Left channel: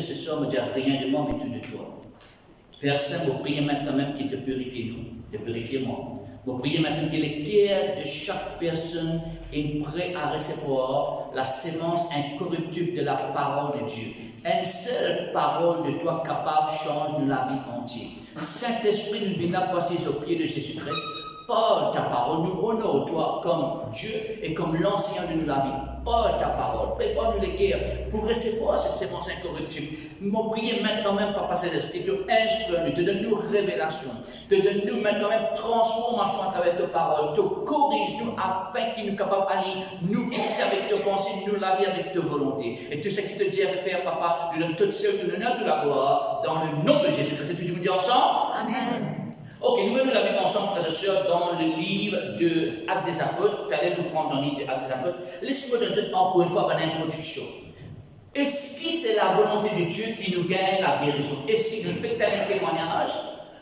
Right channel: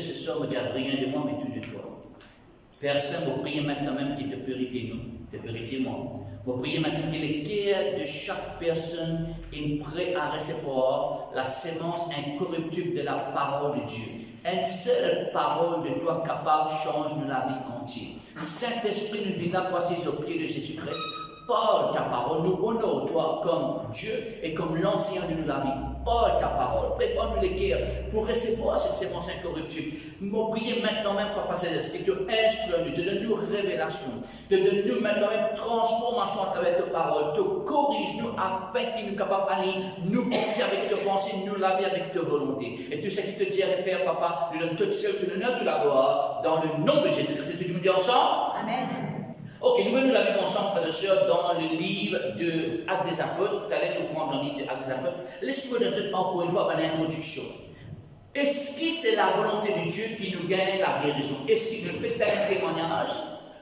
frères et sœurs, me dire rien de moi, mais tout de toi. Père Saint, vous priez maintenant même qu'il te purifie, nous, te purifie moi. Vous priez maintenant que le cœur de chaque personne est prêt à recevoir la sémence incorruptible de la parole de Dieu. Une seule parole de toi capable change la vie entière. Saint-Esprit, nous venons là passer aux pieds de Jésus-Christ. Parle ta parole, nous honorons toi comme Dieu et comme l'enseignant de la vie. Parle ta parole, prépare-nous les cœurs pour recevoir cette sémence incorruptible. Nous prions maintenant même, Papa Céleste, que tu instruis-nous, te donne-nous révélation, te donne-nous maintenant même transformation à travers ta parole, te corrige-nous afin qu'il nous capable d'aller nous penser avec tes pensées, nous laver avec ta volonté. Et tout ce qui te dit à faire, Papa, nous donne toute seule, tout l'honneur, toute la gloire, dans le nom de Jésus-Christ. Et tu me dis ensemble? Amen. Ok, nous venons la Bible ensemble, frères et sœurs, dans le livre de Actes des Apôtres. Tu allais nous prendre dans le livre de Actes des Apôtres. Laisse-moi donner encore une fois une introduction. Est-ce que c'est la volonté de Dieu qui nous gagne la guérison? Est-ce qu'il nous fait un témoignage?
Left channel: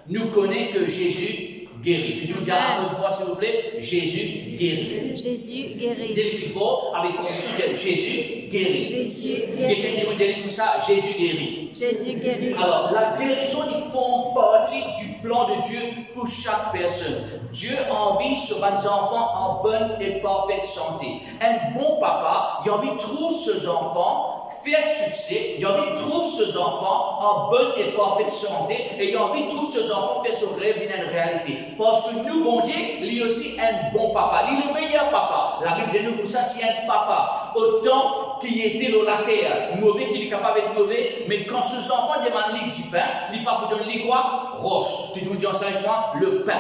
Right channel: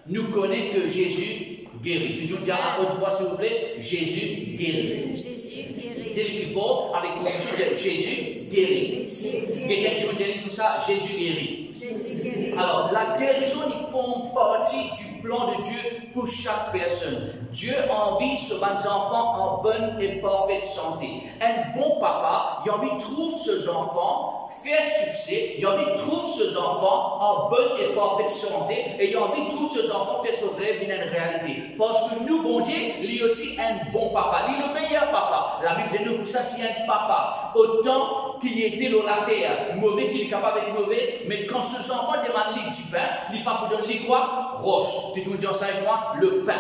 Nous connaissons que Jésus guérit. Tu dis à une fois, s'il vous plaît, Jésus guérit. Jésus guérit. Dès le plus fort, avec conviction, Jésus guérit. Jésus guérit. Quelqu'un qui me dit comme ça, Jésus guérit. Jésus guérit. Alors, la guérison, ils font partie du plan de Dieu pour chaque personne. Dieu envie ses enfants en bonne et parfaite santé. Un bon papa, il a envie de trouver ses enfants, faire succès, il a envie de trouver ses enfants en bonne et parfaite santé, et il a envie de trouver ses enfants faire son rêve une réalité. Parce que nous, bon Dieu, il est aussi un bon papa. Il est le meilleur papa. La Bible dit nous pour ça, c'est un papa. Autant qu'il était dans la terre, mauvais qu'il est capable d'être mauvais, mais quand ses enfants demandent les du pain, il pas pour donner quoi? Roche. Tu me dis ça avec moi? Le pain.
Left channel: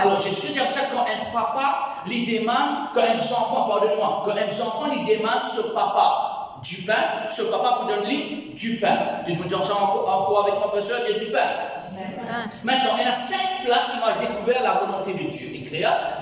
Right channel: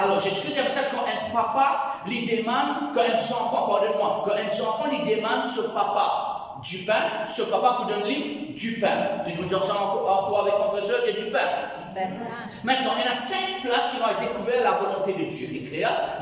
Alors, Jésus dit comme ça, quand un papa lui demande, quand un enfant, pardonne-moi, quand un enfant lui demande ce papa du pain, ce papa pour donner du pain. Tu me dis ça encore avec mon frère, il y a du pain. Maintenant, il y a 5 places qui ont découvert la volonté de Dieu.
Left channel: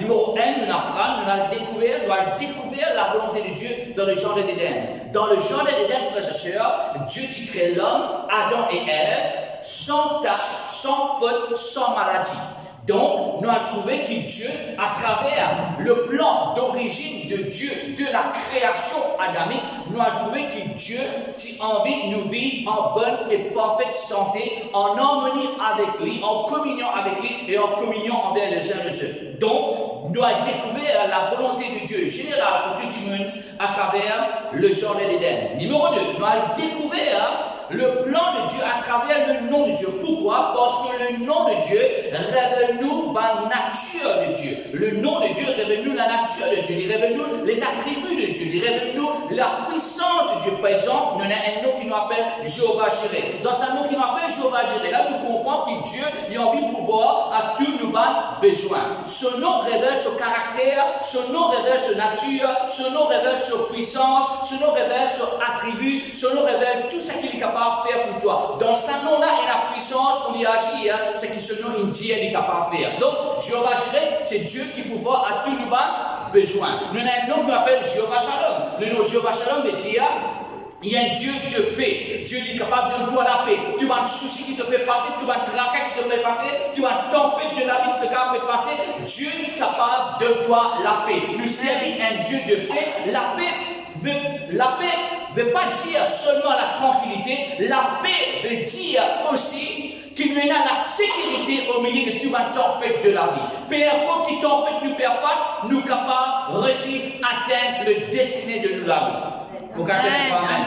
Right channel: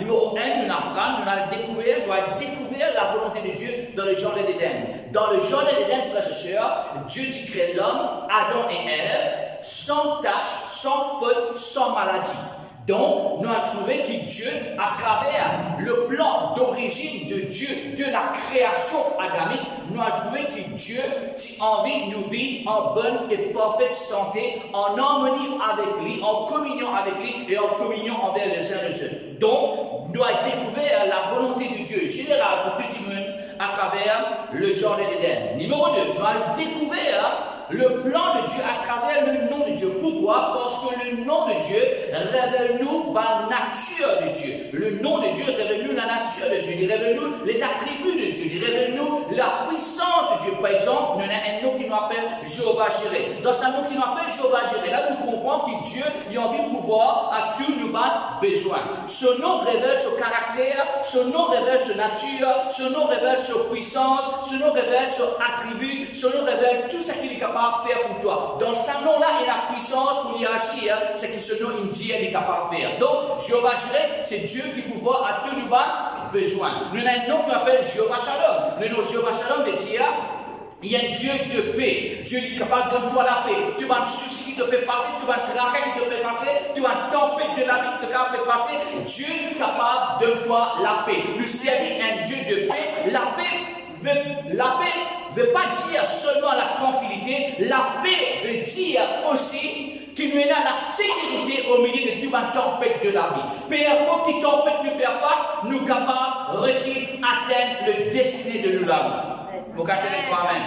Numéro 1, nous apprenons, nous avons découvert la volonté de Dieu dans le jardin d'Éden. Dans le jardin d'Éden, frères et sœurs, Dieu crée l'homme, Adam et Ève, sans tache, sans faute, sans maladie. Donc, nous avons trouvé que Dieu, à travers le plan d'origine de Dieu, de la création adamique, nous avons trouvé que Dieu a envie de nous vivre en bonne et parfaite santé, en harmonie avec lui, en communion avec lui et en communion envers les uns les autres. Donc, nous avons découvert la volonté de Dieu générale pour tout le monde à travers le jardin d'Éden. Numéro 2, nous avons découvert le plan de Dieu à travers le nom de Dieu. Pourquoi? Parce que le nom de Dieu révèle-nous la nature de Dieu. Le nom de Dieu révèle-nous la nature de Dieu. Il révèle-nous les attributs de Dieu. Il révèle-nous la puissance de Dieu. Par exemple, nous avons un nom qui nous appelle Jéhovah-Jireh. Dans un nom qui nous appelle Jéhovah-Jireh, là nous comprenons que Dieu a envie de pouvoir à tous nos besoins. Ce nom révèle son caractère, ce nom révèle sa nature, ce nom révèle sa puissance, ce nom révèle son attribut, ce nom révèle tout ce qu'il est capable de faire pour toi. Dans ce nom-là, il y a la puissance pour y agir, c'est que ce nom indien est capable de faire. Donc, Jéhovah-Jireh, c'est Dieu qui pouvoir à tous nos besoins. Nous avons un nom qu'on appelle Jéhovah-Shalom. Le nom Jéhovah-Shalom veut dire il y a un Dieu de paix. Dieu est capable de donner toi la paix. Tu as un souci qui te fait passer, tu as un travail qui te fait passer, tu as une tempête de la vie qui te fait passer. Dieu est capable de donner toi la paix. Nous servons un Dieu de paix. La paix ne veut pas dire seulement la tranquillité. La paix veut dire aussi qu'il nous a la sécurité au milieu de toute une tempête de la vie. Peu importe qui tempête nous faire face, nous sommes capables de réussir à atteindre le destiné de la vie. Vous comprenez quoi? Amen.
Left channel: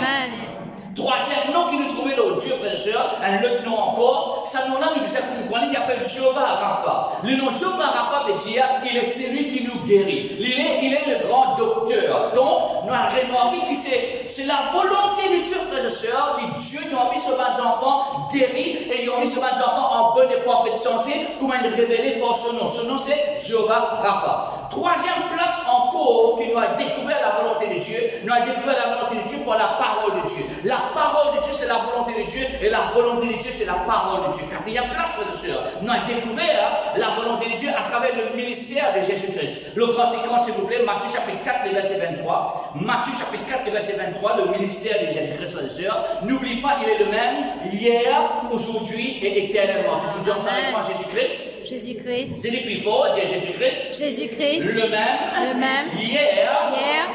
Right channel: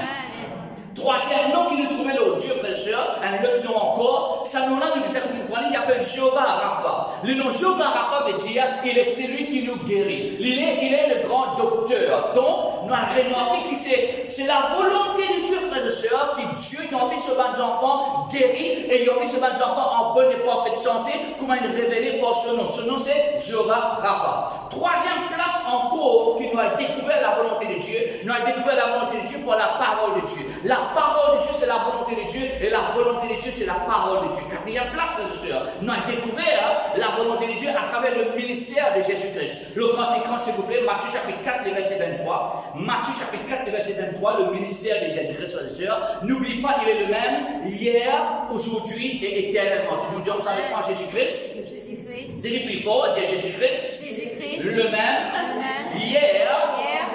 Troisième nom qui nous trouvait là, Dieu, frère et sœur, un autre nom encore, ce nom-là nous disait comprendre, il appelle Jéhovah Rapha. Le nom Jéhovah Rapha veut dire, il est celui qui nous guérit. Il est le grand docteur. Donc, nous avons remarqué que c'est la volonté de Dieu, frère et sœur, que Dieu a envie de se battre enfants guéris et il a envie de se battre enfants en bonne et parfaite santé, comme il est révélé par ce nom. Ce nom, c'est Jéhovah Rapha. Troisième place encore, qui nous a découvert la volonté de Dieu, nous avons découvert la volonté de Dieu par la parole de Dieu. La parole de Dieu, c'est la volonté de Dieu, et la volonté de Dieu, c'est la parole de Dieu. Quatrième place, frères et sœurs, nous avons découvert la volonté de Dieu à travers le ministère de Jésus-Christ. Le grand écran, s'il vous plaît, Matthieu chapitre 4, le verset 23. Matthieu chapitre 4, le verset 23, le ministère de Jésus-Christ, frères et sœurs. N'oublie pas, il est le même hier, aujourd'hui et éternellement. Tu veux dire ça avec moi, Jésus-Christ? Jésus-Christ. Dis-le plus fort, dis Jésus-Christ. Jésus-Christ. Le même. Hier.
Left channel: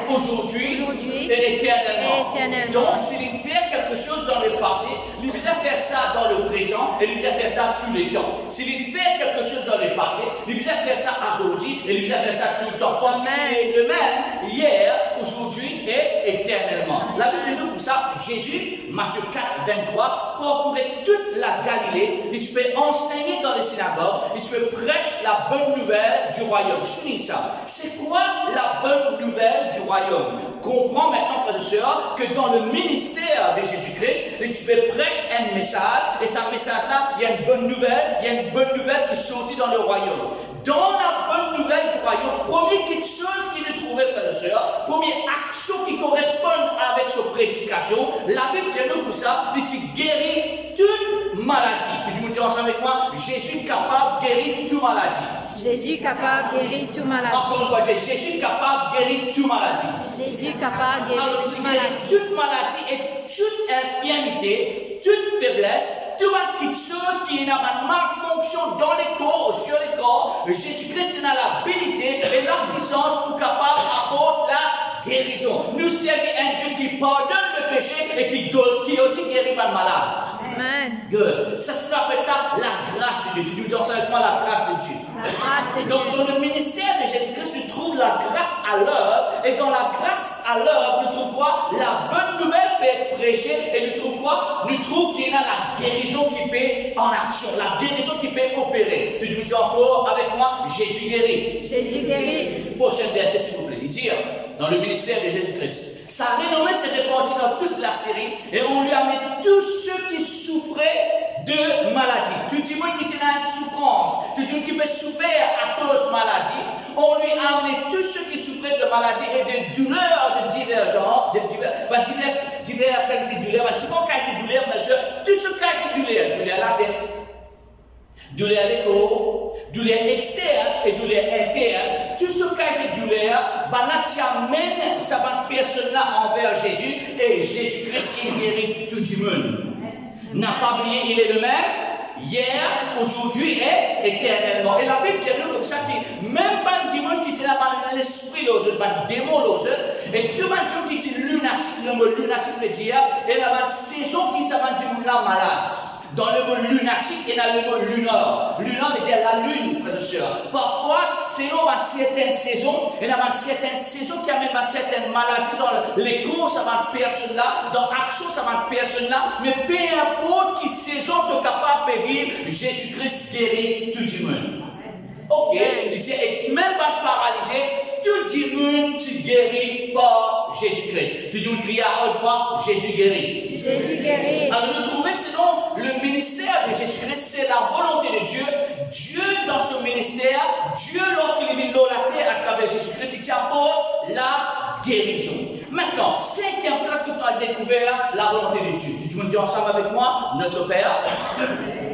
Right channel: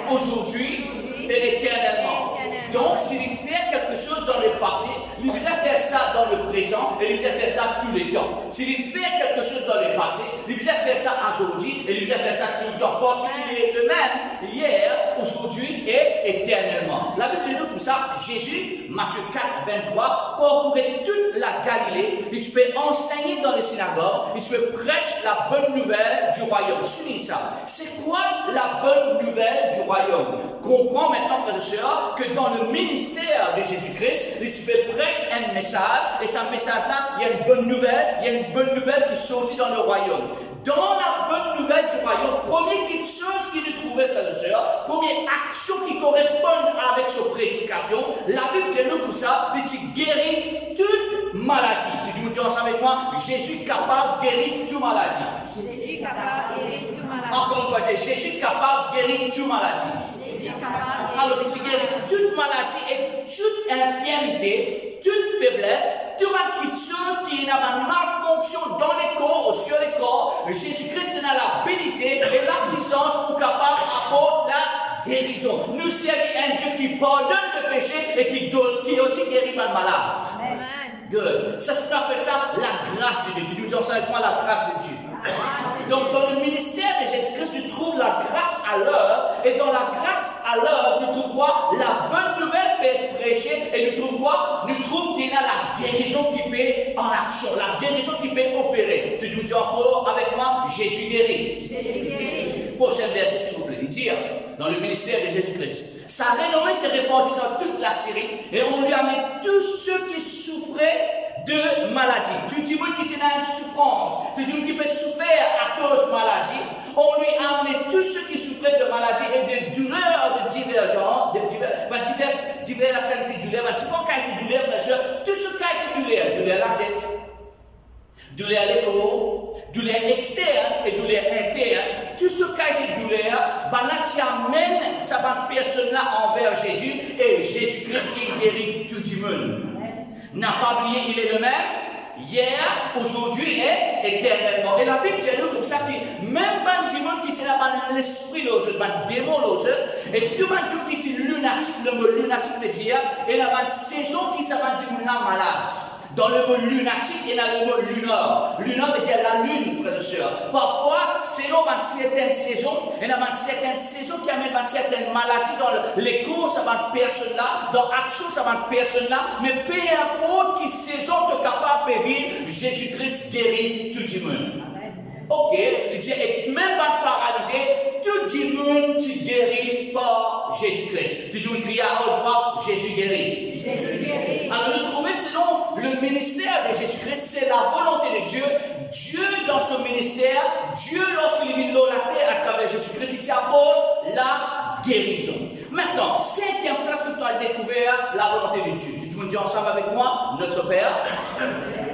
Aujourd'hui. Et éternellement. Donc, s'il fait quelque quelque chose dans le passé, il faisait faire ça dans le présent et il faisait faire ça tous les temps. S'il fait quelque chose dans le passé, il faisait faire ça aujourd'hui et il faisait faire ça tout le temps. Parce qu'il est le même hier, aujourd'hui et éternellement. La Bible dit nous comme ça, Jésus, Matthieu 4, 23, parcourait toute la Galilée. Il se fait enseigner dans les synagogues, il se fait prêcher la bonne nouvelle du royaume. Soulignez ça. C'est quoi la bonne nouvelle du royaume? Comprends maintenant, frères et sœurs, que dans le ministère de Jésus-Christ, il se fait prêcher un message, et ce message-là, il y a une bonne nouvelle qui sortit dans le royaume. Dans la bonne nouvelle du royaume, première chose qu'il trouvait, frères et sœurs, première action qui correspond avec sa prédication, la Bible dit nous comme ça, il dit guérir toute maladie. Tu me dis ensemble avec moi, Jésus capable de guérir toute maladie. Jésus capable de guérir toute maladie. Encore une fois, Jésus capable de guérir toute maladie. Jésus capable de guérir alors, il guérit toute maladie et toute infirmité, toute faiblesse, toute petite chose qui n'a pas de malfonction dans les corps ou sur les corps. Jésus-Christ a l'habilité et la puissance pour capable d'apporter la guérison. Nous servons un Dieu qui pardonne le péché et qui aussi guérit par le malade. Amen. Good. Ça, c'est appelle ça la grâce de Dieu. Tu dis ensemble avec moi la grâce de Dieu. Donc, dans le ministère de Jésus-Christ, tu trouves la grâce à l'œuvre. Et dans la grâce à l'œuvre, nous trouvons quoi? La bonne nouvelle peut être prêchée. Et nous trouvons quoi? Nous trouvons qu'il y a la guérison qui peut en action. La guérison qui peut opérer. Tu dis encore avec moi, Jésus guérit. Jésus guérit. Prochain verset, s'il vous plaît. Il dit, dans le ministère de Jésus-Christ, sa renommée s'est répandue dans toute la Syrie. Et on lui a mis tous ceux qui souffraient de maladie. Tout le monde qui a une souffrance, tout le monde qui peut souffrir à cause de maladie, on lui a amené tous ceux qui souffraient de maladie et de douleurs de divers genres, divers qualités de douleurs, différentes qualités de douleurs, tous ceux qui ont été douleurs à la tête, douleur à l'écho, douleur externe et douleur interne, tout ce qui a été douleur, tu amènes cette personne-là envers Jésus et Jésus-Christ qui guérit tout le monde. N'a pas oublié, il est le même, hier, aujourd'hui et éternellement. Et la Bible dit nous comme ça que même pas du monde qui est là, l'esprit, le démon, et tout le monde qui dit lunatique, le mot lunatique veut dire, et la saison qui s'appelle du monde là malade. Dans le mot lunatique, il y a le mot lunar. Lunar veut dire la lune, frères et sœurs. Parfois, selon certaines saisons, il y a certaines saisons qui amènent certaines maladies dans les courses à cette personne-là, dans l'action à cette personne-là. Mais peu importe qui saison tu es capable de vivre, Jésus-Christ guérit tout le monde. Ok, il dit, et même pas paralysé, tout le monde tu guéris par Jésus-Christ. Tout le monde crie à haute voix, Jésus guérit. Jésus guérit. Alors nous trouvons selon le ministère de Jésus-Christ, c'est la volonté de Dieu. Dieu dans son ministère, Dieu lorsqu'il vient de la terre à travers Jésus-Christ, il apporte la guérison. Maintenant, cinquième place que tu as découvert, la volonté de Dieu. Tu me dis ensemble avec moi, notre Père,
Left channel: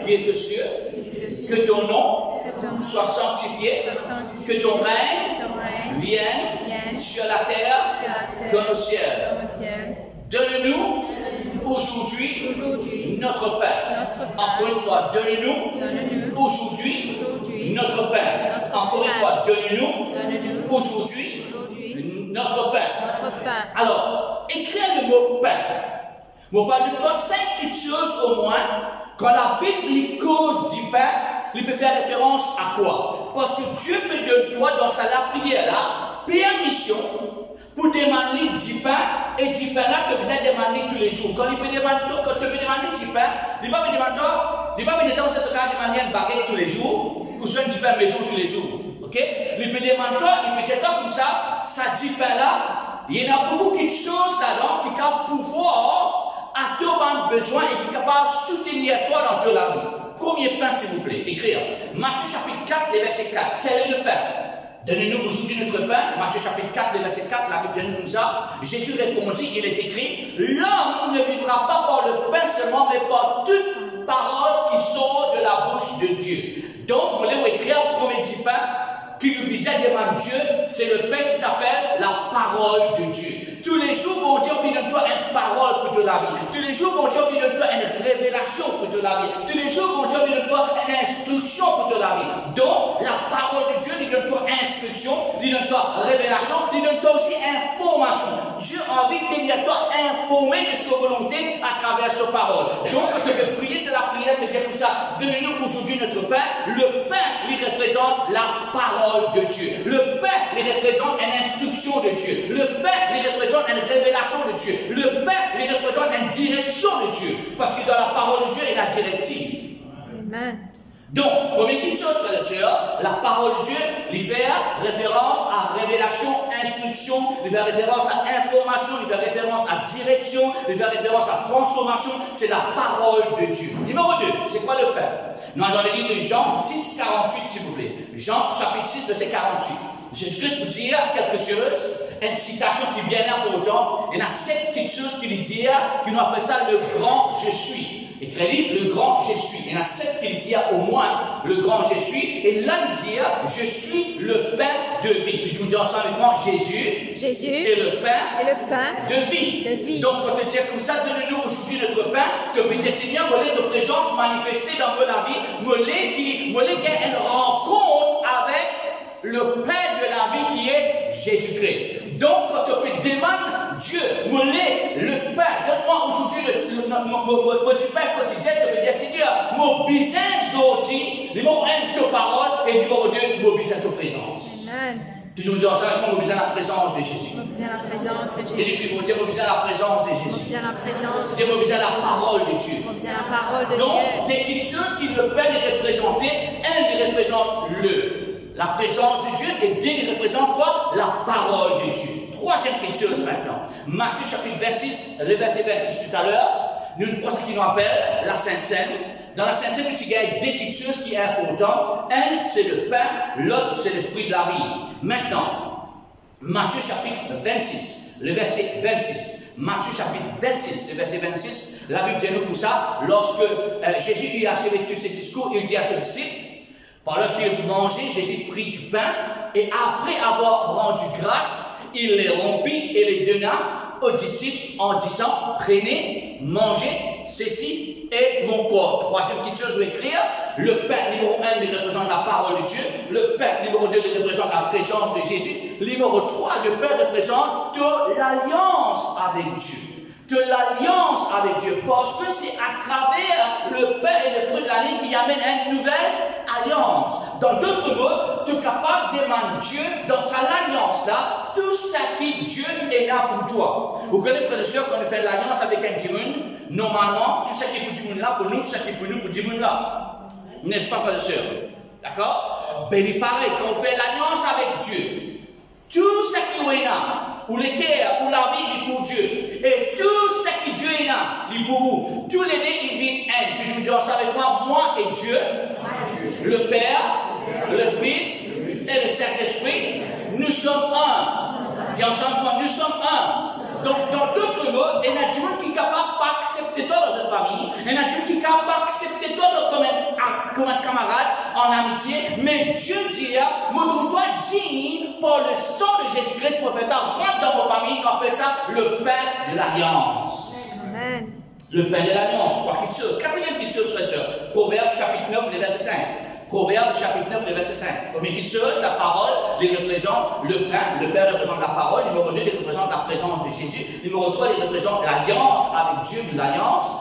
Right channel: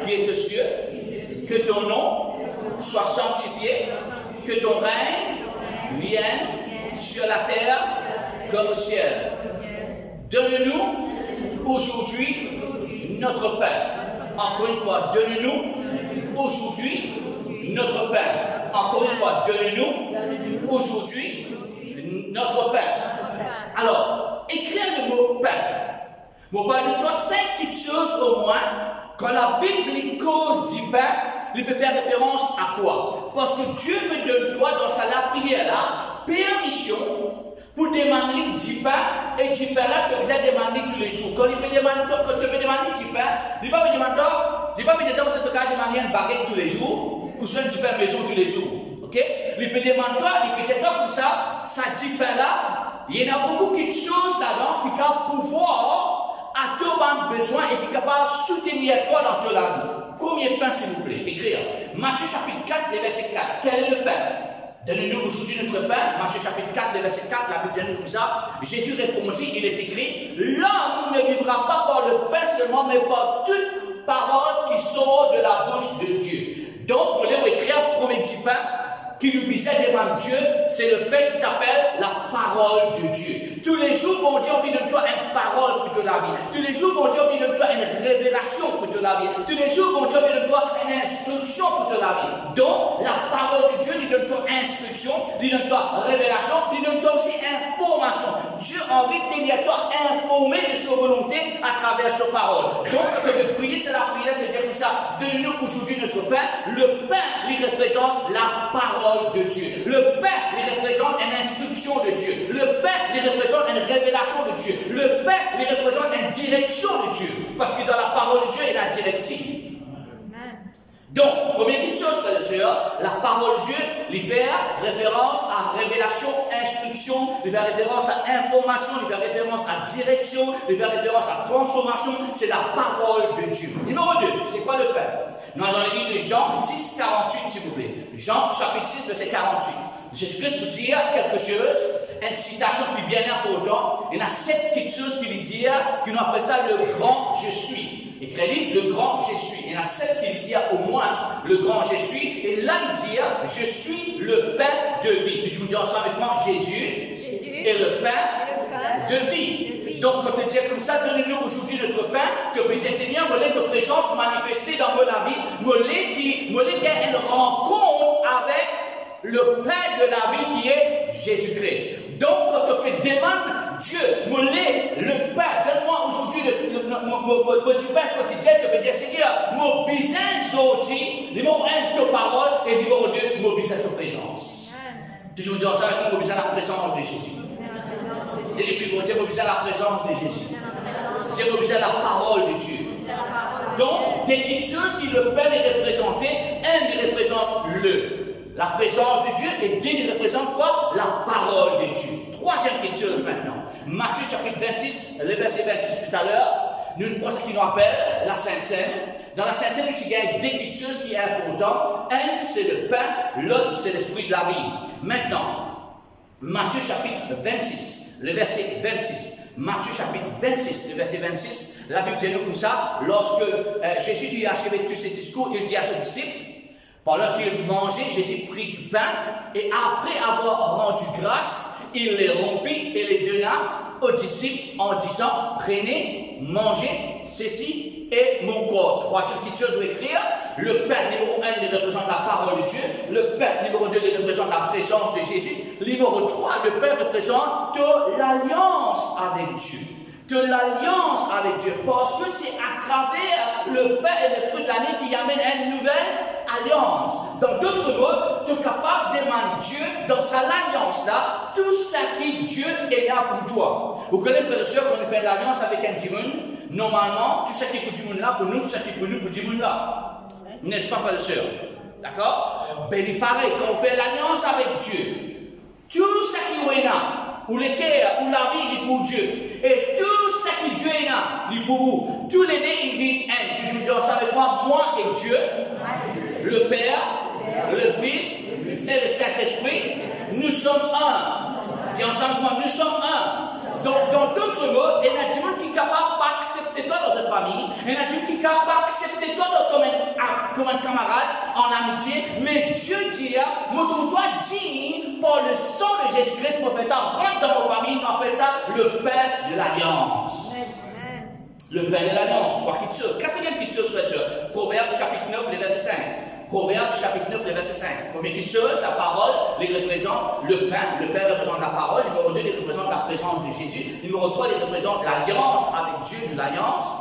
qui est aux cieux, que ton nom soit sanctifié, que ton règne vienne sur la terre comme au ciel. Donne-nous aujourd'hui notre pain. Encore une fois, donne-nous aujourd'hui notre pain. Encore une fois, donne-nous aujourd'hui notre pain. Alors, écris le mot pain. Bon, parle-toi 5 petites choses au moins. Quand la Bible cause du pain, il peut faire référence à quoi? Parce que Dieu me donne toi dans sa prière là, permission pour demander du pain, et du pain là que vous avez demandé tous les jours. Quand il peut demander, quand tu peux demander du pain, il ne va pas me demander dans cette cas demander une baguette tous les jours, ou soit du pain maison tous les jours. Ok? Il peut demander, il peut dire comme ça du pain là, il y en a beaucoup de choses là-dedans qui ont pouvoir à ton besoin et qui est capable de soutenir toi dans toute la vie. Premier pain, s'il vous plaît, écrire. Matthieu chapitre 4, verset 4. Quel est le pain? Donnez-nous aujourd'hui notre pain. Matthieu chapitre 4, verset 4, la Bible dit comme ça. Jésus répondit, il est écrit, l'homme ne vivra pas par le pain seulement, mais par toute parole qui sort de la bouche de Dieu. Donc, vous voulez écrire premier petit pain. qui nous disait devant Dieu, c'est le pain qui s'appelle la parole de Dieu. Tous les jours, bon Dieu, on donne toi une parole pour toute la vie. Tous les jours, bon Dieu, on donne toi une révélation pour toute la vie. Tous les jours, bon Dieu, on donne toi une instruction pour toute la vie. Donc, la parole de Dieu, il donne toi instruction, il donne toi révélation, il donne toi aussi information. Dieu a envie de tenir toi informé de sa volonté à travers sa parole. Donc, quand tu veux prier, c'est la prière de dire comme ça, donne-nous aujourd'hui notre pain. Le pain, il représente la parole de Dieu. Le pain, il représente une instruction de Dieu. Le pain, il représente une révélation de Dieu. Le pain, il représente une direction de Dieu. Parce que dans la parole de Dieu, il y a la directive. Amen. Donc, première petite chose, frères et sœurs, la parole de Dieu, il fait référence à révélation, instruction, il fait référence à information, il fait référence à direction, il fait référence à transformation. C'est la parole de Dieu. Numéro 2, c'est quoi le pain? Nous allons dans le livre de Jean 6, 48, s'il vous plaît. Jean, chapitre 6, verset 48. Jésus-Christ vous dire quelque chose, une citation qui est bien important. Il y en a 7 petites choses qu'il dit, qu'on appelle ça le grand je suis. Et crédit, le grand je suis. Il y en a 7 qui dit au moins le grand je suis. Et là, il dit je suis le pain de vie. Tu me dis ensemble avec moi Jésus. Jésus Et le pain de vie. De vie. Donc, quand tu dis comme ça, donne-nous aujourd'hui notre pain. Tu peux dire Seigneur, moi, ta présence manifestée dans ma vie. Moi, qui a une rencontre avec le pain de la vie qui est Jésus-Christ. Donc, quand tu peux demander Dieu, le pain, donne-moi aujourd'hui du pain quotidien, tu peux dire Seigneur, mon besoin aujourd'hui, numéro 1, ta parole, et numéro 2, mon besoin ta présence. Amen. Toujours dire ensemble avec moi, mon besoin la présence de Jésus. Mon besoin la présence de Jésus. Dis-le plus, dire mon besoin la présence de Jésus. Mon besoin la présence de Dis mon besoin la parole de Dieu. Mon besoin la parole de Donc, Dieu. des petites choses qui le pain est représenté, un, il représente la présence de Dieu, et deux, il représente quoi? La parole de Dieu. Troisième petite chose maintenant. Matthieu chapitre 26, le verset 26 tout à l'heure, nous pensons qu'il nous appelle la Sainte Seine. Dans la Sainte Seine, il y a deux petites choses qui sont importantes. Un, c'est le pain, l'autre, c'est le fruit de la vie. Maintenant, Matthieu chapitre 26, le verset 26. Matthieu chapitre 26, le verset 26, la Bible dit nous comme ça, lorsque Jésus lui a achevé tous ses discours, il dit à ses disciples, pendant qu'il mangeait, Jésus prit du pain, et après avoir rendu grâce, il les rompit et les donna aux disciples en disant, prenez, mangez, ceci est mon corps. Troisième petite chose, je vais écrire, le pain numéro 1, il représente la parole de Dieu, le pain numéro 2, il représente la présence de Jésus, numéro 3, le pain représente l'alliance avec Dieu. De l'alliance avec Dieu, parce que c'est à travers le pain et le fruit de l'année qui amène une nouvelle alliance. Dans d'autres mots, tu es capable de demander Dieu dans sa alliance là, tout ce qui Dieu est là pour toi. Vous connaissez, frères et sœurs, quand on fait l'alliance avec un Dimoun, normalement, tout ce qui est pour Dimoun là, pour nous, tout ce qui est pour nous, pour Dimoun là. N'est-ce pas, frères et sœurs? D'accord? Ben, il est pareil, quand on fait l'alliance avec Dieu, tout ce qui est là, ou le cœur, ou la vie, il est pour Dieu. Et tout ce qui Dieu est là, il est pour vous. Tous les deux, ils vivent un. Tu me dis ça avec moi et Dieu, le Père, le Fils et le Saint-Esprit, nous sommes un. Dis ensemble moi, nous sommes un. Donc, dans d'autres mots, il y a du monde qui est capable d'accepter toi dans cette famille. Il y a du monde qui est capable d'accepter toi comme un camarade, en amitié. Mais Dieu dit, montre-toi digne par le sang de Jésus-Christ, prophète, rentre dans vos familles. On appelle ça le pain de l'alliance. Le pain de l'alliance. Trois petites choses. Quatrième petite chose, frères et sœurs. Proverbe chapitre 9, le verset 5. Proverbe chapitre 9, le verset 5. Première petite chose, la parole, il représente le pain. Le pain représente la parole. Numéro 2, il représente la présence de Jésus. Numéro 3, il représente l'alliance avec Dieu, de l'alliance.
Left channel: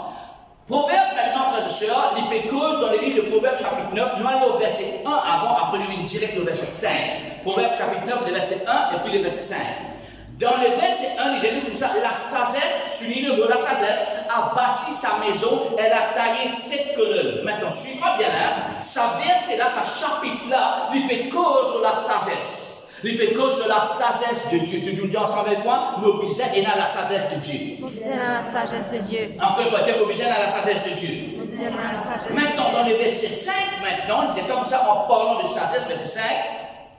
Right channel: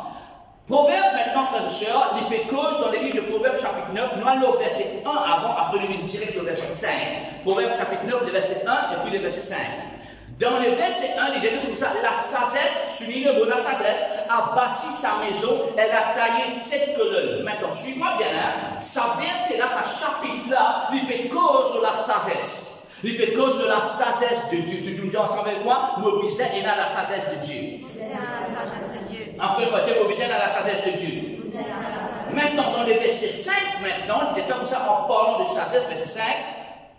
Proverbe maintenant, frères et sœurs, il peut cause dans les livres de Proverbe chapitre 9, nous allons au verset 1 avant, après nous allons direct au verset 5. Proverbe chapitre 9, le verset 1 et puis le verset 5. Dans le verset 1, il dit comme ça, la sagesse, souligne le mot, la sagesse a bâti sa maison, elle a taillé 7 colonnes. Maintenant, suis-moi bien, sa verset là, sa chapitre là, il peut cause de la sagesse. Il peut cause de la sagesse de Dieu. Tu dis ensemble avec moi, mon besoin est dans la sagesse de Dieu. Mon besoin dans la sagesse de Dieu. Encore une fois, tiens, mon besoin dans la sagesse de Dieu. Maintenant, dans le verset 5, maintenant, il dit comme ça, en parlant de sagesse, verset 5,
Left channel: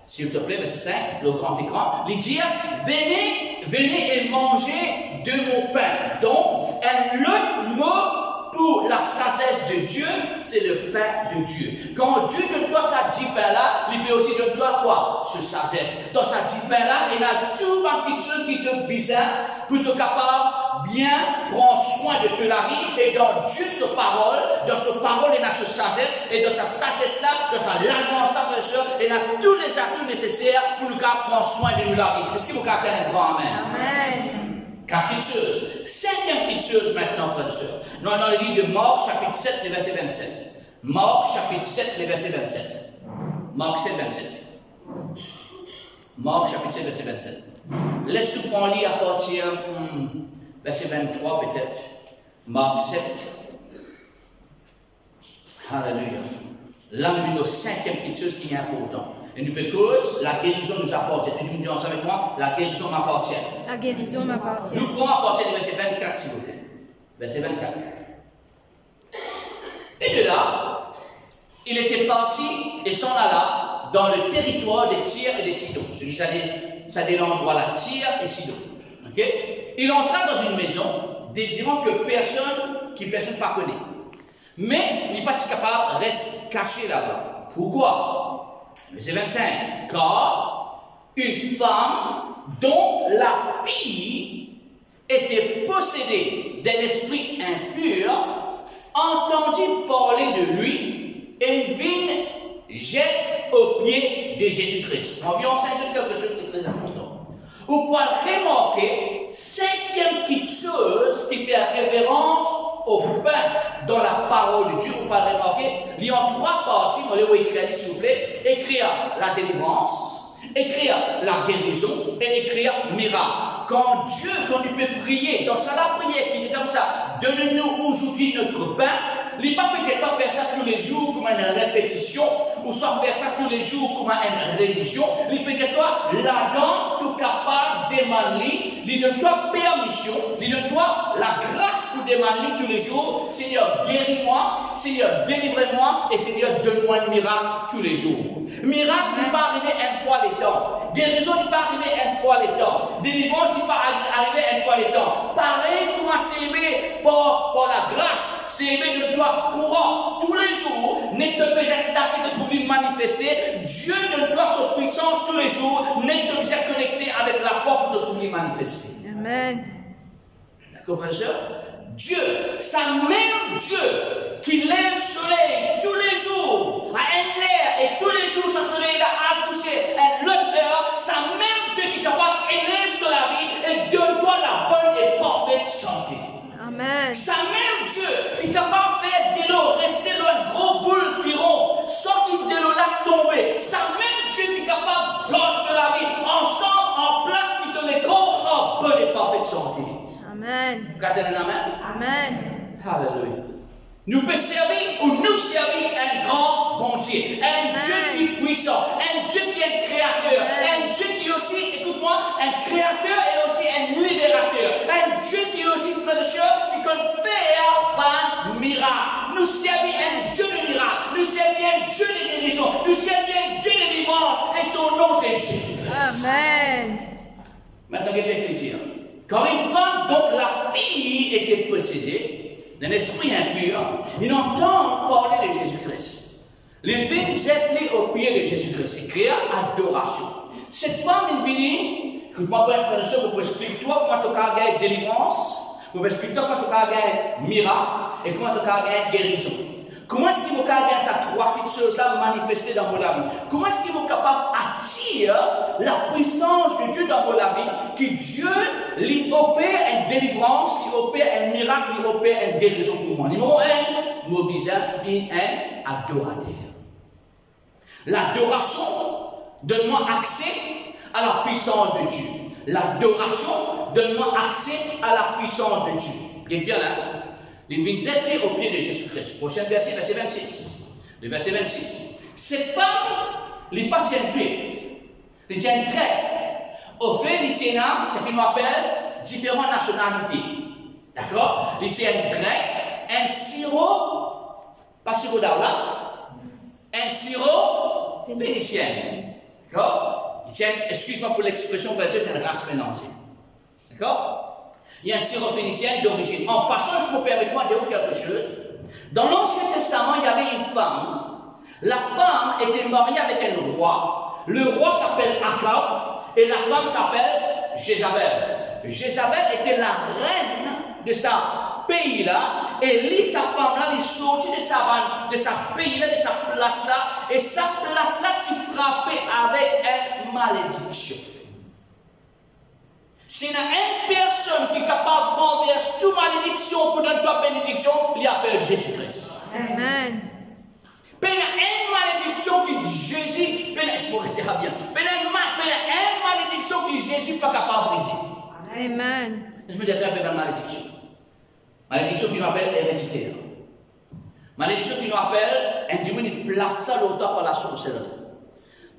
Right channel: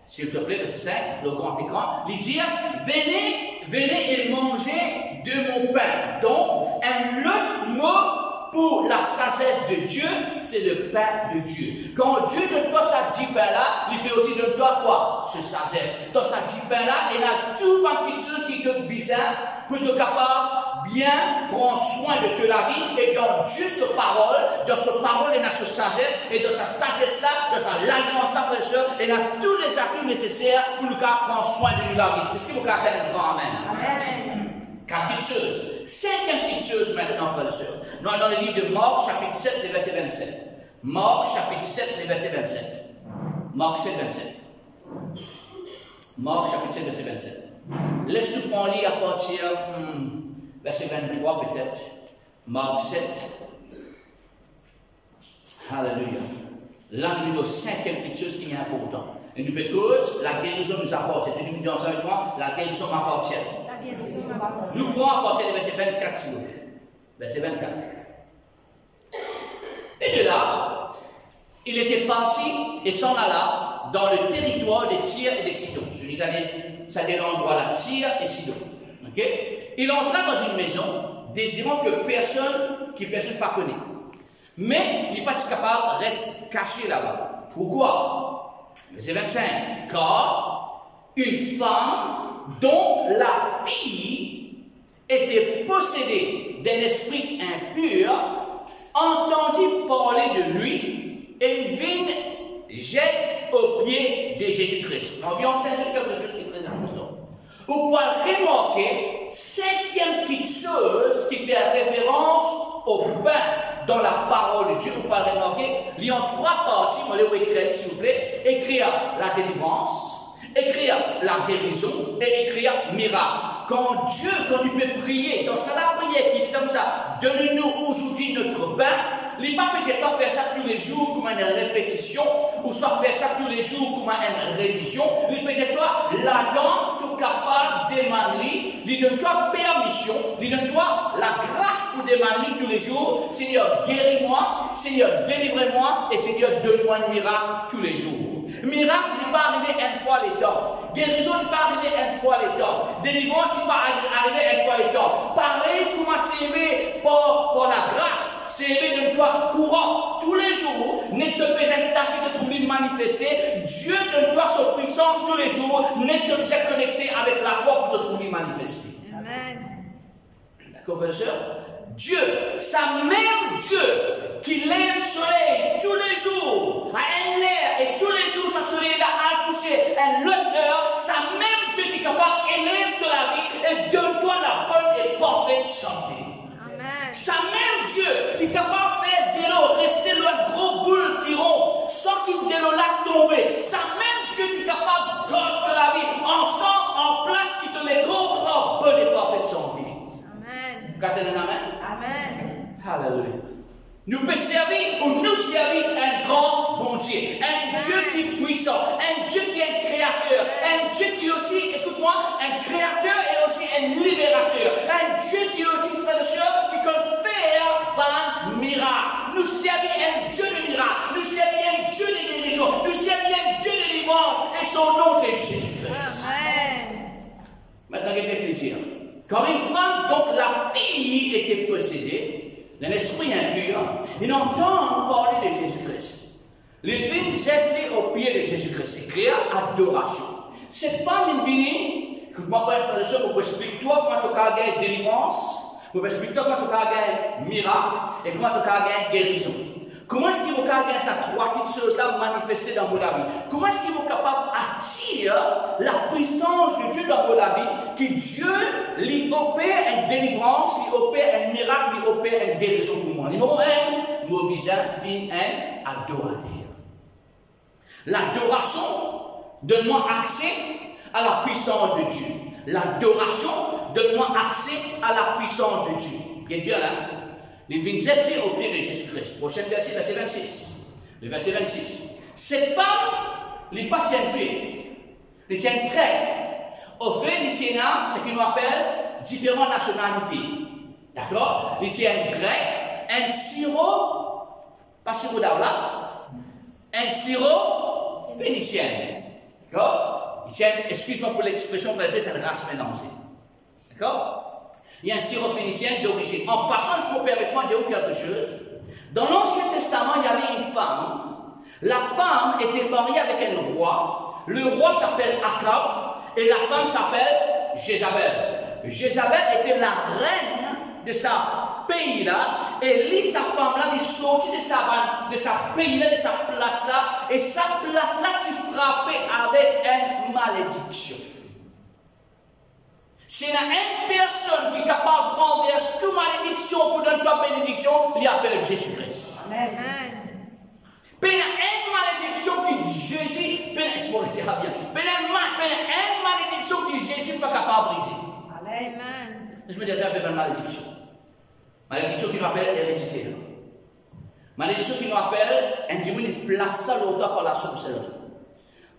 s'il te plaît, verset 5, le grand écran, il dit, venez et mangez de mon pain. Donc, un autre mot pour la sagesse de Dieu, c'est le pain de Dieu. Quand Dieu donne toi ça 10 pains-là, il peut aussi donner toi quoi? Ce sagesse. Dans ça 10 pains-là, il y a tout ma petite chose qui te bizarre pour te capable bien prendre soin de toute la vie. Et dans Dieu, sa parole, dans sa parole, il y a sa sagesse. Et dans sa sagesse-là, dans sa l'alliance-là, frères et sœurs, il y a tous les atouts nécessaires pour nous prendre soin de nous la vie. Est-ce que vous avez un grand amen? Amen. 4 petites choses. 5e petite chose maintenant, frères et sœurs. Nous sommes dans le livre de Marc, chapitre 7, le verset 27. Marc, chapitre 7, le verset 27. Marc 7, 27. Marc, chapitre 7, verset 27. Laisse-nous prendre lire à partir verset 23 peut-être. Marc 7. Alléluia. Là, nous avons 5e petite chose qui est importante. Et nous peut cause, la guérison nous appartient. Tu me dis ensemble avec moi, la guérison m'appartient. La guérison m'appartient. Nous pouvons apporter le verset 24, s'il vous plaît. Verset 24. Et de là, il était parti et s'en alla dans le territoire de Tyr et de Sidon. Je dis ça des endroits là, Tyr et Sidon. Ok? Il entra dans une maison, désirant que personne ne connaît. Mais il n'est pas capable, reste caché là-bas. Pourquoi? Verset 25. Car une femme dont la fille était possédée d'un esprit impur entendit parler de lui et vint jette aux pieds de Jésus-Christ. On vient en quelque chose qui est très important. Vous pouvez remarquer 5e petite chose qui fait référence au pain dans la parole de Dieu. Vous pouvez remarquer, il y a 3 parties. On va écrire, s'il vous plaît. Écrire la délivrance, écrire la guérison et écrire miracle. Quand il peut prier, dans sa la prière qui est comme ça, donne-nous aujourd'hui notre pain. Il n'est pas peut-être faire ça tous les jours comme une répétition, ou soit faire ça tous les jours comme une religion. Il peut être toi, là-dedans, tout capable de demander, il donne-toi permission, il donne-toi la grâce pour demander tous les jours. Seigneur, guéris-moi, Seigneur, délivre-moi, et Seigneur, donne-moi un miracle tous les jours. Miracle n'est pas arrivé une fois les temps. Guérison n'est pas arrivé une fois les temps. Délivrance n'est pas arrivé une fois les temps. Pareil, comment s'aimer pour la grâce. C'est aimer de toi courant tous les jours, n'est pas besoin de trouver manifester. Dieu donne toi sa puissance tous les jours, n'est pas besoin de connecter avec la foi pour te trouver manifester. Amen. D'accord, frère et sœur? Dieu, sa même Dieu qui lève le soleil tous les jours à un l'air et tous les jours, ce soleil a accouché à l'autre heure, sa même Dieu qui est capable d'élève de la vie et donne-toi la bonne et parfaite santé. Amen. Sa même Dieu qui est capable de faire de l'eau rester dans un gros boule qui rompt, sans qu'il de l'eau là tomber. Sa même Dieu qui est capable de garder la vie ensemble, en place, qui te l'écho en bonne et parfaite santé. Amen. Vous avez un amen? Amen. Alléluia. Nous pouvons servir ou nous servir un grand bon Dieu. Un Dieu qui est puissant. Un Dieu qui est un créateur. Un Dieu qui est aussi, écoute-moi, un créateur et aussi un libérateur. Un Dieu qui est aussi, frère et sœur, qui peut faire un miracle. Nous servir un Dieu de miracle. Nous servir un Dieu de guérison. Nous servir un Dieu de délivrance. Et son nom, c'est Jésus-Christ. Amen. Maintenant, il y a bien qui dire. Quand une femme dont la fille était possédée d'un esprit impur, ils entendent parler de Jésus-Christ. Les vignes s'étaient aux pieds de Jésus-Christ et créent adoration. Cette femme est venue, écoute-moi, frère et sœur, vous pouvez expliquer toi comment tu as gagné délivrance, vous pouvez expliquer toi comment tu as gagné miracle et comment tu as gagné guérison. Comment est-ce qu'il vous gagner ces 3 petites choses-là manifestées dans votre vie? Comment est-ce qu'il vous capable d'attirer la puissance de Dieu dans votre vie? Que Dieu lui opère une délivrance, lui opère un miracle, lui opère une guérison pour moi. Numéro 1, mobiliser un adorateur. L'adoration donne-moi accès à la puissance de Dieu. L'adoration donne-moi accès à la puissance de Dieu. Vous êtes bien là? Il vient jeter au pied de Jésus-Christ. Prochain verset, verset 26. Le verset 26. Cette femme, elle n'est pas juive, elle est grecque. Au fait, elle est ce qu'on appelle différentes nationalités. D'accord? Elle est un grec, un sirop, pas sirop d'Aoulat, un sirop phénicien. D'accord? Excuse-moi pour l'expression, parce que c'est une race mélangée. D'accord? Il y a un syrophénicien d'origine. En passant, je me permets de dire quelque chose. Dans l'Ancien Testament, il y avait une femme. La femme était mariée avec un roi. Le roi s'appelle Akab et la femme s'appelle Jézabel. Jézabel était la reine de sa pays-là. Et lui, sa femme-là, il est sorti de sa pays-là, de sa place-là. Et sa place-là, tu frappais avec une malédiction. S'il y a une personne qui est capable de renverser toute malédiction pour donner ta bénédiction, il appelle Jésus-Christ. Amen. Il y a une malédiction qui Jésus, il y a une malédiction qui Jésus n'est pas capable de briser. Amen. Je me dis un peu de malédiction. Malédiction qui nous appelle héréditaire. Malédiction qui nous appelle un démon qui place ça l'auteur par la sorcellerie.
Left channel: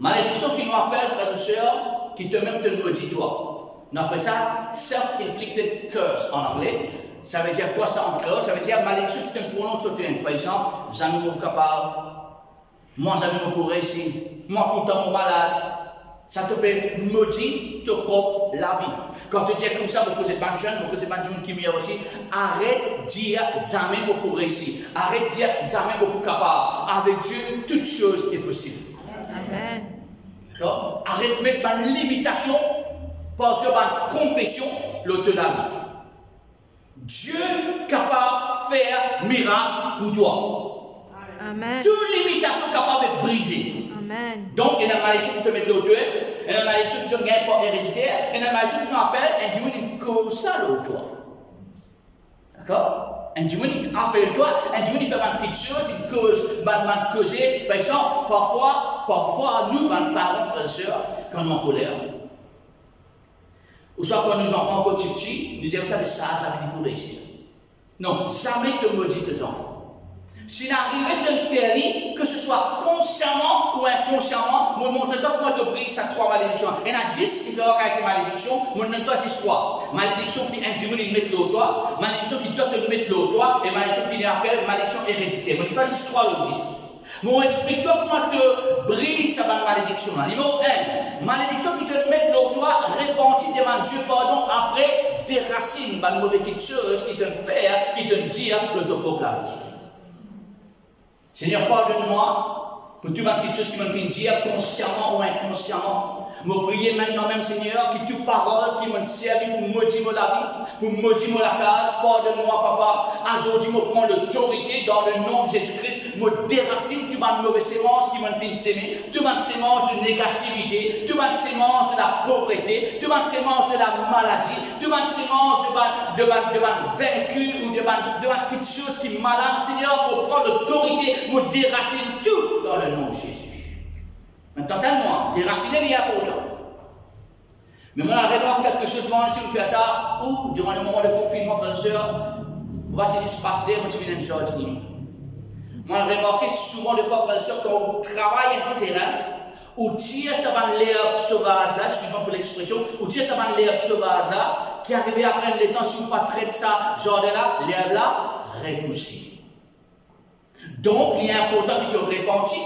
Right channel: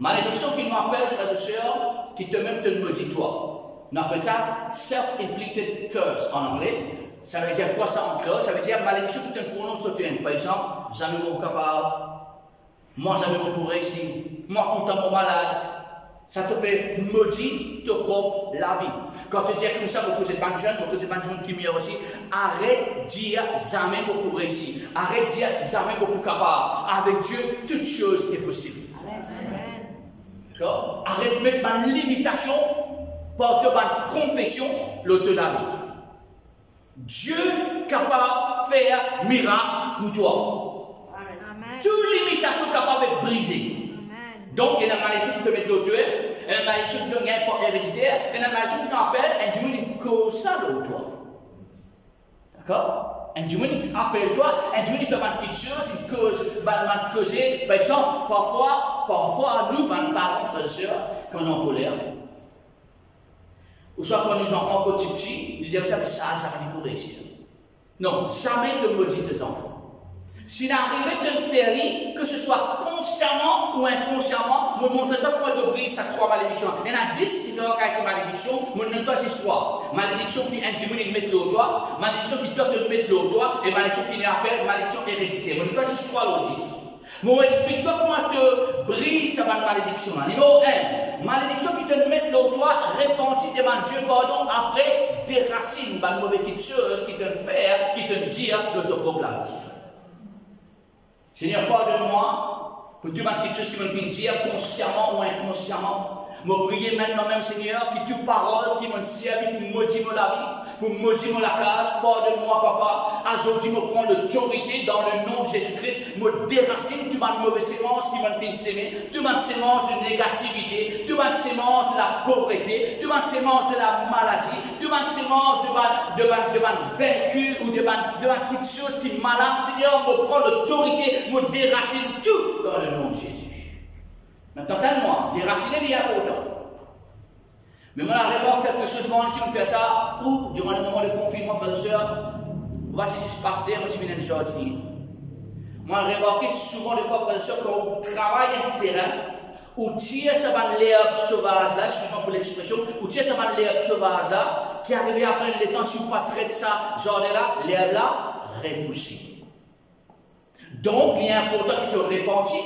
Malédiction qui nous appelle, frères et sœurs, qui te même te maudit toi. On appelle ça self-inflicted curse en anglais. Ça veut dire quoi ça en créole? Ça veut dire malédiction qui te prononce sur toi. Par exemple, jamais mon capable, moi jamais mon pour réussir, moi tout le temps mon malade. Ça te peut maudire ta propre la vie. Quand tu dis comme ça, beaucoup de jeunes, beaucoup de jeunes qui meurent aussi, arrête de dire jamais mon pour réussir. Arrête de dire jamais mon pour capable. Avec Dieu, toute chose est possible. Amen. D'accord? Arrête de mettre ma limitation. Porte ma confession, l'auteur de la vie. Dieu est capable de faire miracle pour toi. Amen. Toute limitation capable de briser. Amen. Donc, il y a une malédiction qui te met l'auteur, il y a une malédiction qui te gagne par héréditaire, il y a une malédiction qui t'appelle un démon qui cause ça l'auteur. D'accord? Un démon qui appelle toi, un démon qui fait une petite chose, il cause, causer. Par exemple, parfois, nous, parents, frères et sœurs, quand on est en colère, ou soit quand nous enfants encore petits, nous disons, vous savez, ça veut dire pour réussir ça. Non, jamais te maudit tes enfants. S'il arrive de te faire lire, que ce soit consciemment ou inconsciemment, moi montre-toi comment te brise ces trois malédictions. Il y en a 10 différents caractères de malédiction, moi je donne ces trois. Malédiction qui est un démon qui met l'autre toi, malédiction qui doit te mettre l'autre toi, et malédiction qui appelle malédiction héréditaire. Moi je donne ces trois l'autre 10. Moi, explique-toi comment te brise cette malédiction. Numéro 1, malédiction qui te met l'autre toi, repentir, demande Dieu pardon, après des racines, une mauvaise chose qui te fait, qui te dit l'autre propre la vie. Seigneur, pardonne-moi pour toute petite chose qui me fait dire consciemment ou inconsciemment. Je prie maintenant même, Seigneur, que toute parole qui m'a servi pour maudire la vie, pour maudire la case, pardonne-moi, Papa. Aujourd'hui, je prends l'autorité dans le nom de Jésus-Christ. Je déracine toute ma mauvaise sémence qui m'a fait s'aimer, toute ma sémence de négativité, toute ma sémence de la pauvreté, toute ma sémence de la maladie, toute ma sémence de ma vaincu ou de ma petite chose qui est malade. Seigneur, je prends l'autorité, je déracine tout dans le nom de Jésus. Maintenant, tellement, déraciner il y a autant. Mais moi, on remarque quelque chose, moi, si on fait ça, ou durant le moment de confinement, frères et sœurs, on va se passer, moi, tu viens de jardinier. Moi, on remarque souvent, des fois, frères et sœurs, quand on travaille un terrain, ou tire ça va l'herbe sauvage là, excusez-moi pour l'expression, ou tire ça va l'herbe sauvage là, qui arrive après le temps, si on ne pas traite ça, jardin là, l'herbe là, réfléchit. Donc, il est important qu'il te répantit.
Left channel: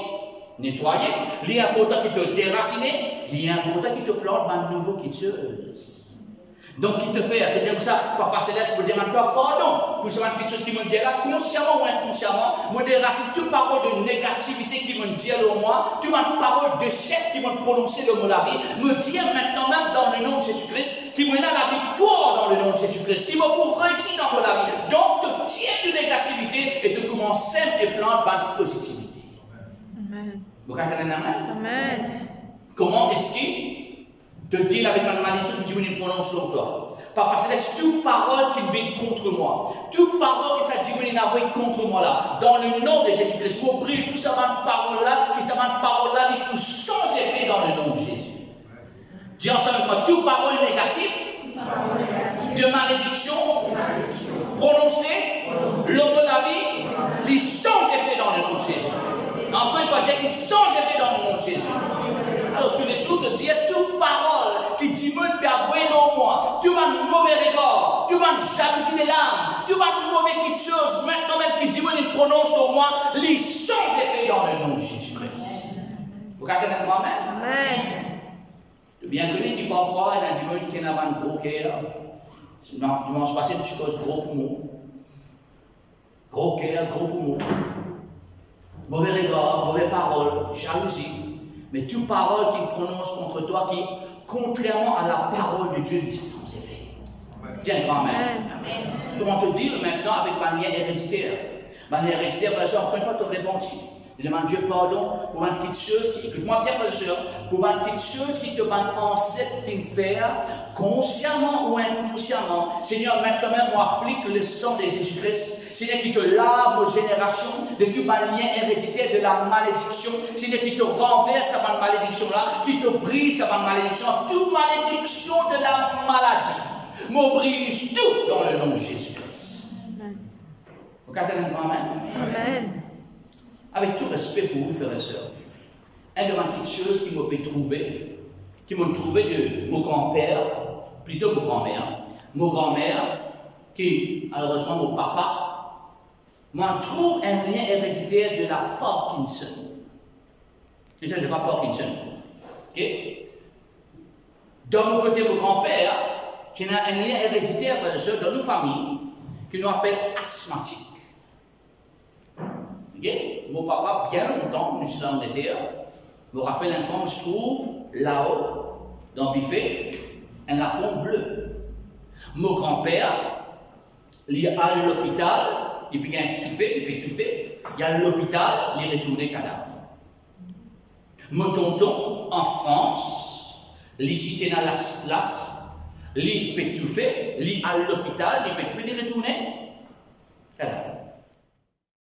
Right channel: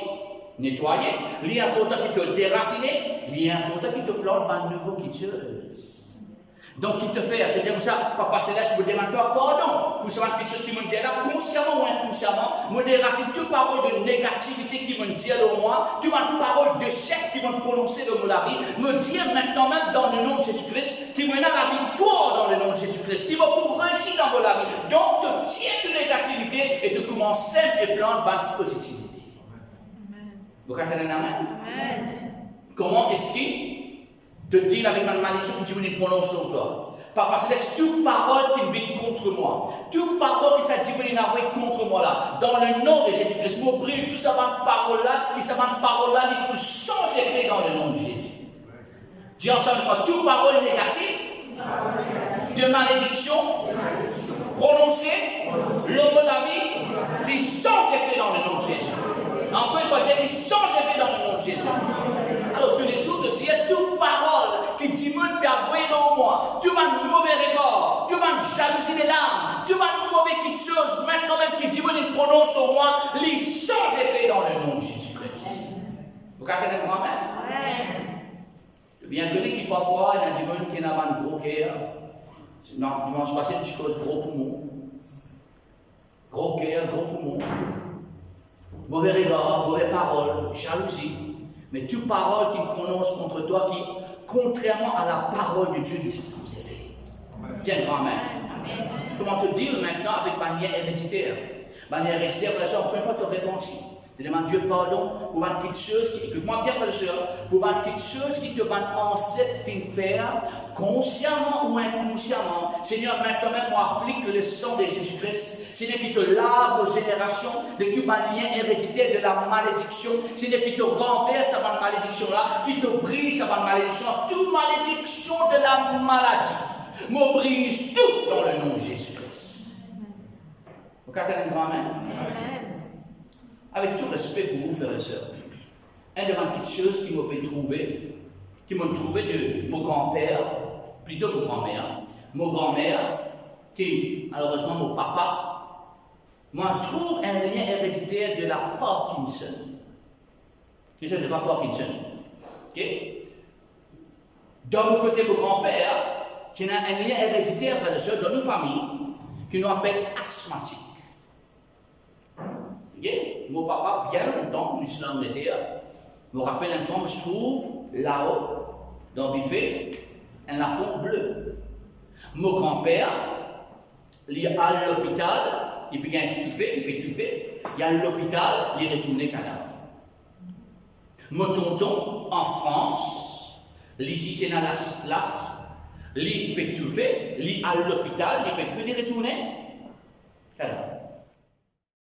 Nettoyer, il est important qui te déraciner, il est important qui te plante une nouvelle quitteuse. Donc, qui te fait, te dire comme ça, Papa Céleste, je demande toi pardon pour cette petite chose qui me dit là, consciemment ou inconsciemment, me déracine toute parole de négativité qui me dit là au moi, toute parole d'échec qui me prononce dans la vie, me dire maintenant même dans le nom de Jésus-Christ, qui me donne la victoire dans le nom de Jésus-Christ, qui me pour réussir dans la vie. Donc, te tire de négativité et te commence simple et plante une positivité. Vous comprenez? Amen. Comment est-ce qu'il te dit avec ma malédiction que Dieu me prononce sur toi? Papa Céleste, toute parole qui vient contre moi, toute parole qui s'est dit contre moi là, dans le nom de Jésus-Christ, pour briller toute cette parole là, qui cette parole là, il peut sans effet dans le nom de Jésus. Dis ensemble avec moi, toute parole négative, de malédiction, prononcée, l'homme de la vie, il sans effet dans le nom de Jésus. Encore une fois, il sans effet dans le nom de Jésus. Alors, tous les jours, de dire toute parole qui diminue peut avouer dans moi, tout un mauvais regard, tout un jalousie des larmes, tout un mauvais quelque chose, maintenant même qui diminue prononce dans moi, il sans effet dans le nom de Jésus-Christ. Vous comprenez moi-même? Amen. Bien connu qui parfois, il y a un démon qui n'a pas un gros cœur. Non, dimanche passé, je suis cause gros poumon. Gros cœur, gros poumon. Mauvais regard, mauvaise parole, jalousie. Mais toute parole qu'il prononce contre toi qui, contrairement à la parole de Dieu, dit sans effet. Tiens, grand-mère. Comment te dire maintenant avec ma lien héréditaire? Ma lien héréditaire, frère et soeur, encore une fois, te répondre. Je demande Dieu pardon pour ma petite chose qui, écoute-moi bien, frère et soeur, pour ma petite chose qui te m'a ancêtre fin faire, consciemment ou inconsciemment. Seigneur, maintenant même, moi, applique le sang de Jésus-Christ. Seigneur, qui te lave aux générations de tout ma lien héréditaire de la malédiction. Seigneur, qui te renverse à ma malédiction-là, qui te brise à ma malédiction, toute malédiction de la maladie. Me brise tout dans le nom de Jésus-Christ. Vous avez une grand-mère? Amen. Avec tout respect pour vous, frères et sœurs, une de mes petites choses qui m'ont trouvé, de mon grand-père, plutôt mon grand-mère, qui, malheureusement, mon papa, moi, trouve un lien héréditaire de la Parkinson. Je ne sais pas Parkinson. Ok? Dans mon côté, mon grand-père, qui a un lien héréditaire, frères et sœurs, dans nos familles, qui nous appelle asthmatique. Okay? Mon papa, bien longtemps, nous sommes en Angleterre, me rappelle un fois, je trouve là-haut, dans le buffet, un lapin bleu. Mon grand-père, il est à l'hôpital, il peut étouffer, il est à l'hôpital, il est retourné cadavre. Mon tonton, en France, il est cité dans la place, il peut étouffer, il est à l'hôpital, il peut étouffer, il est retourné.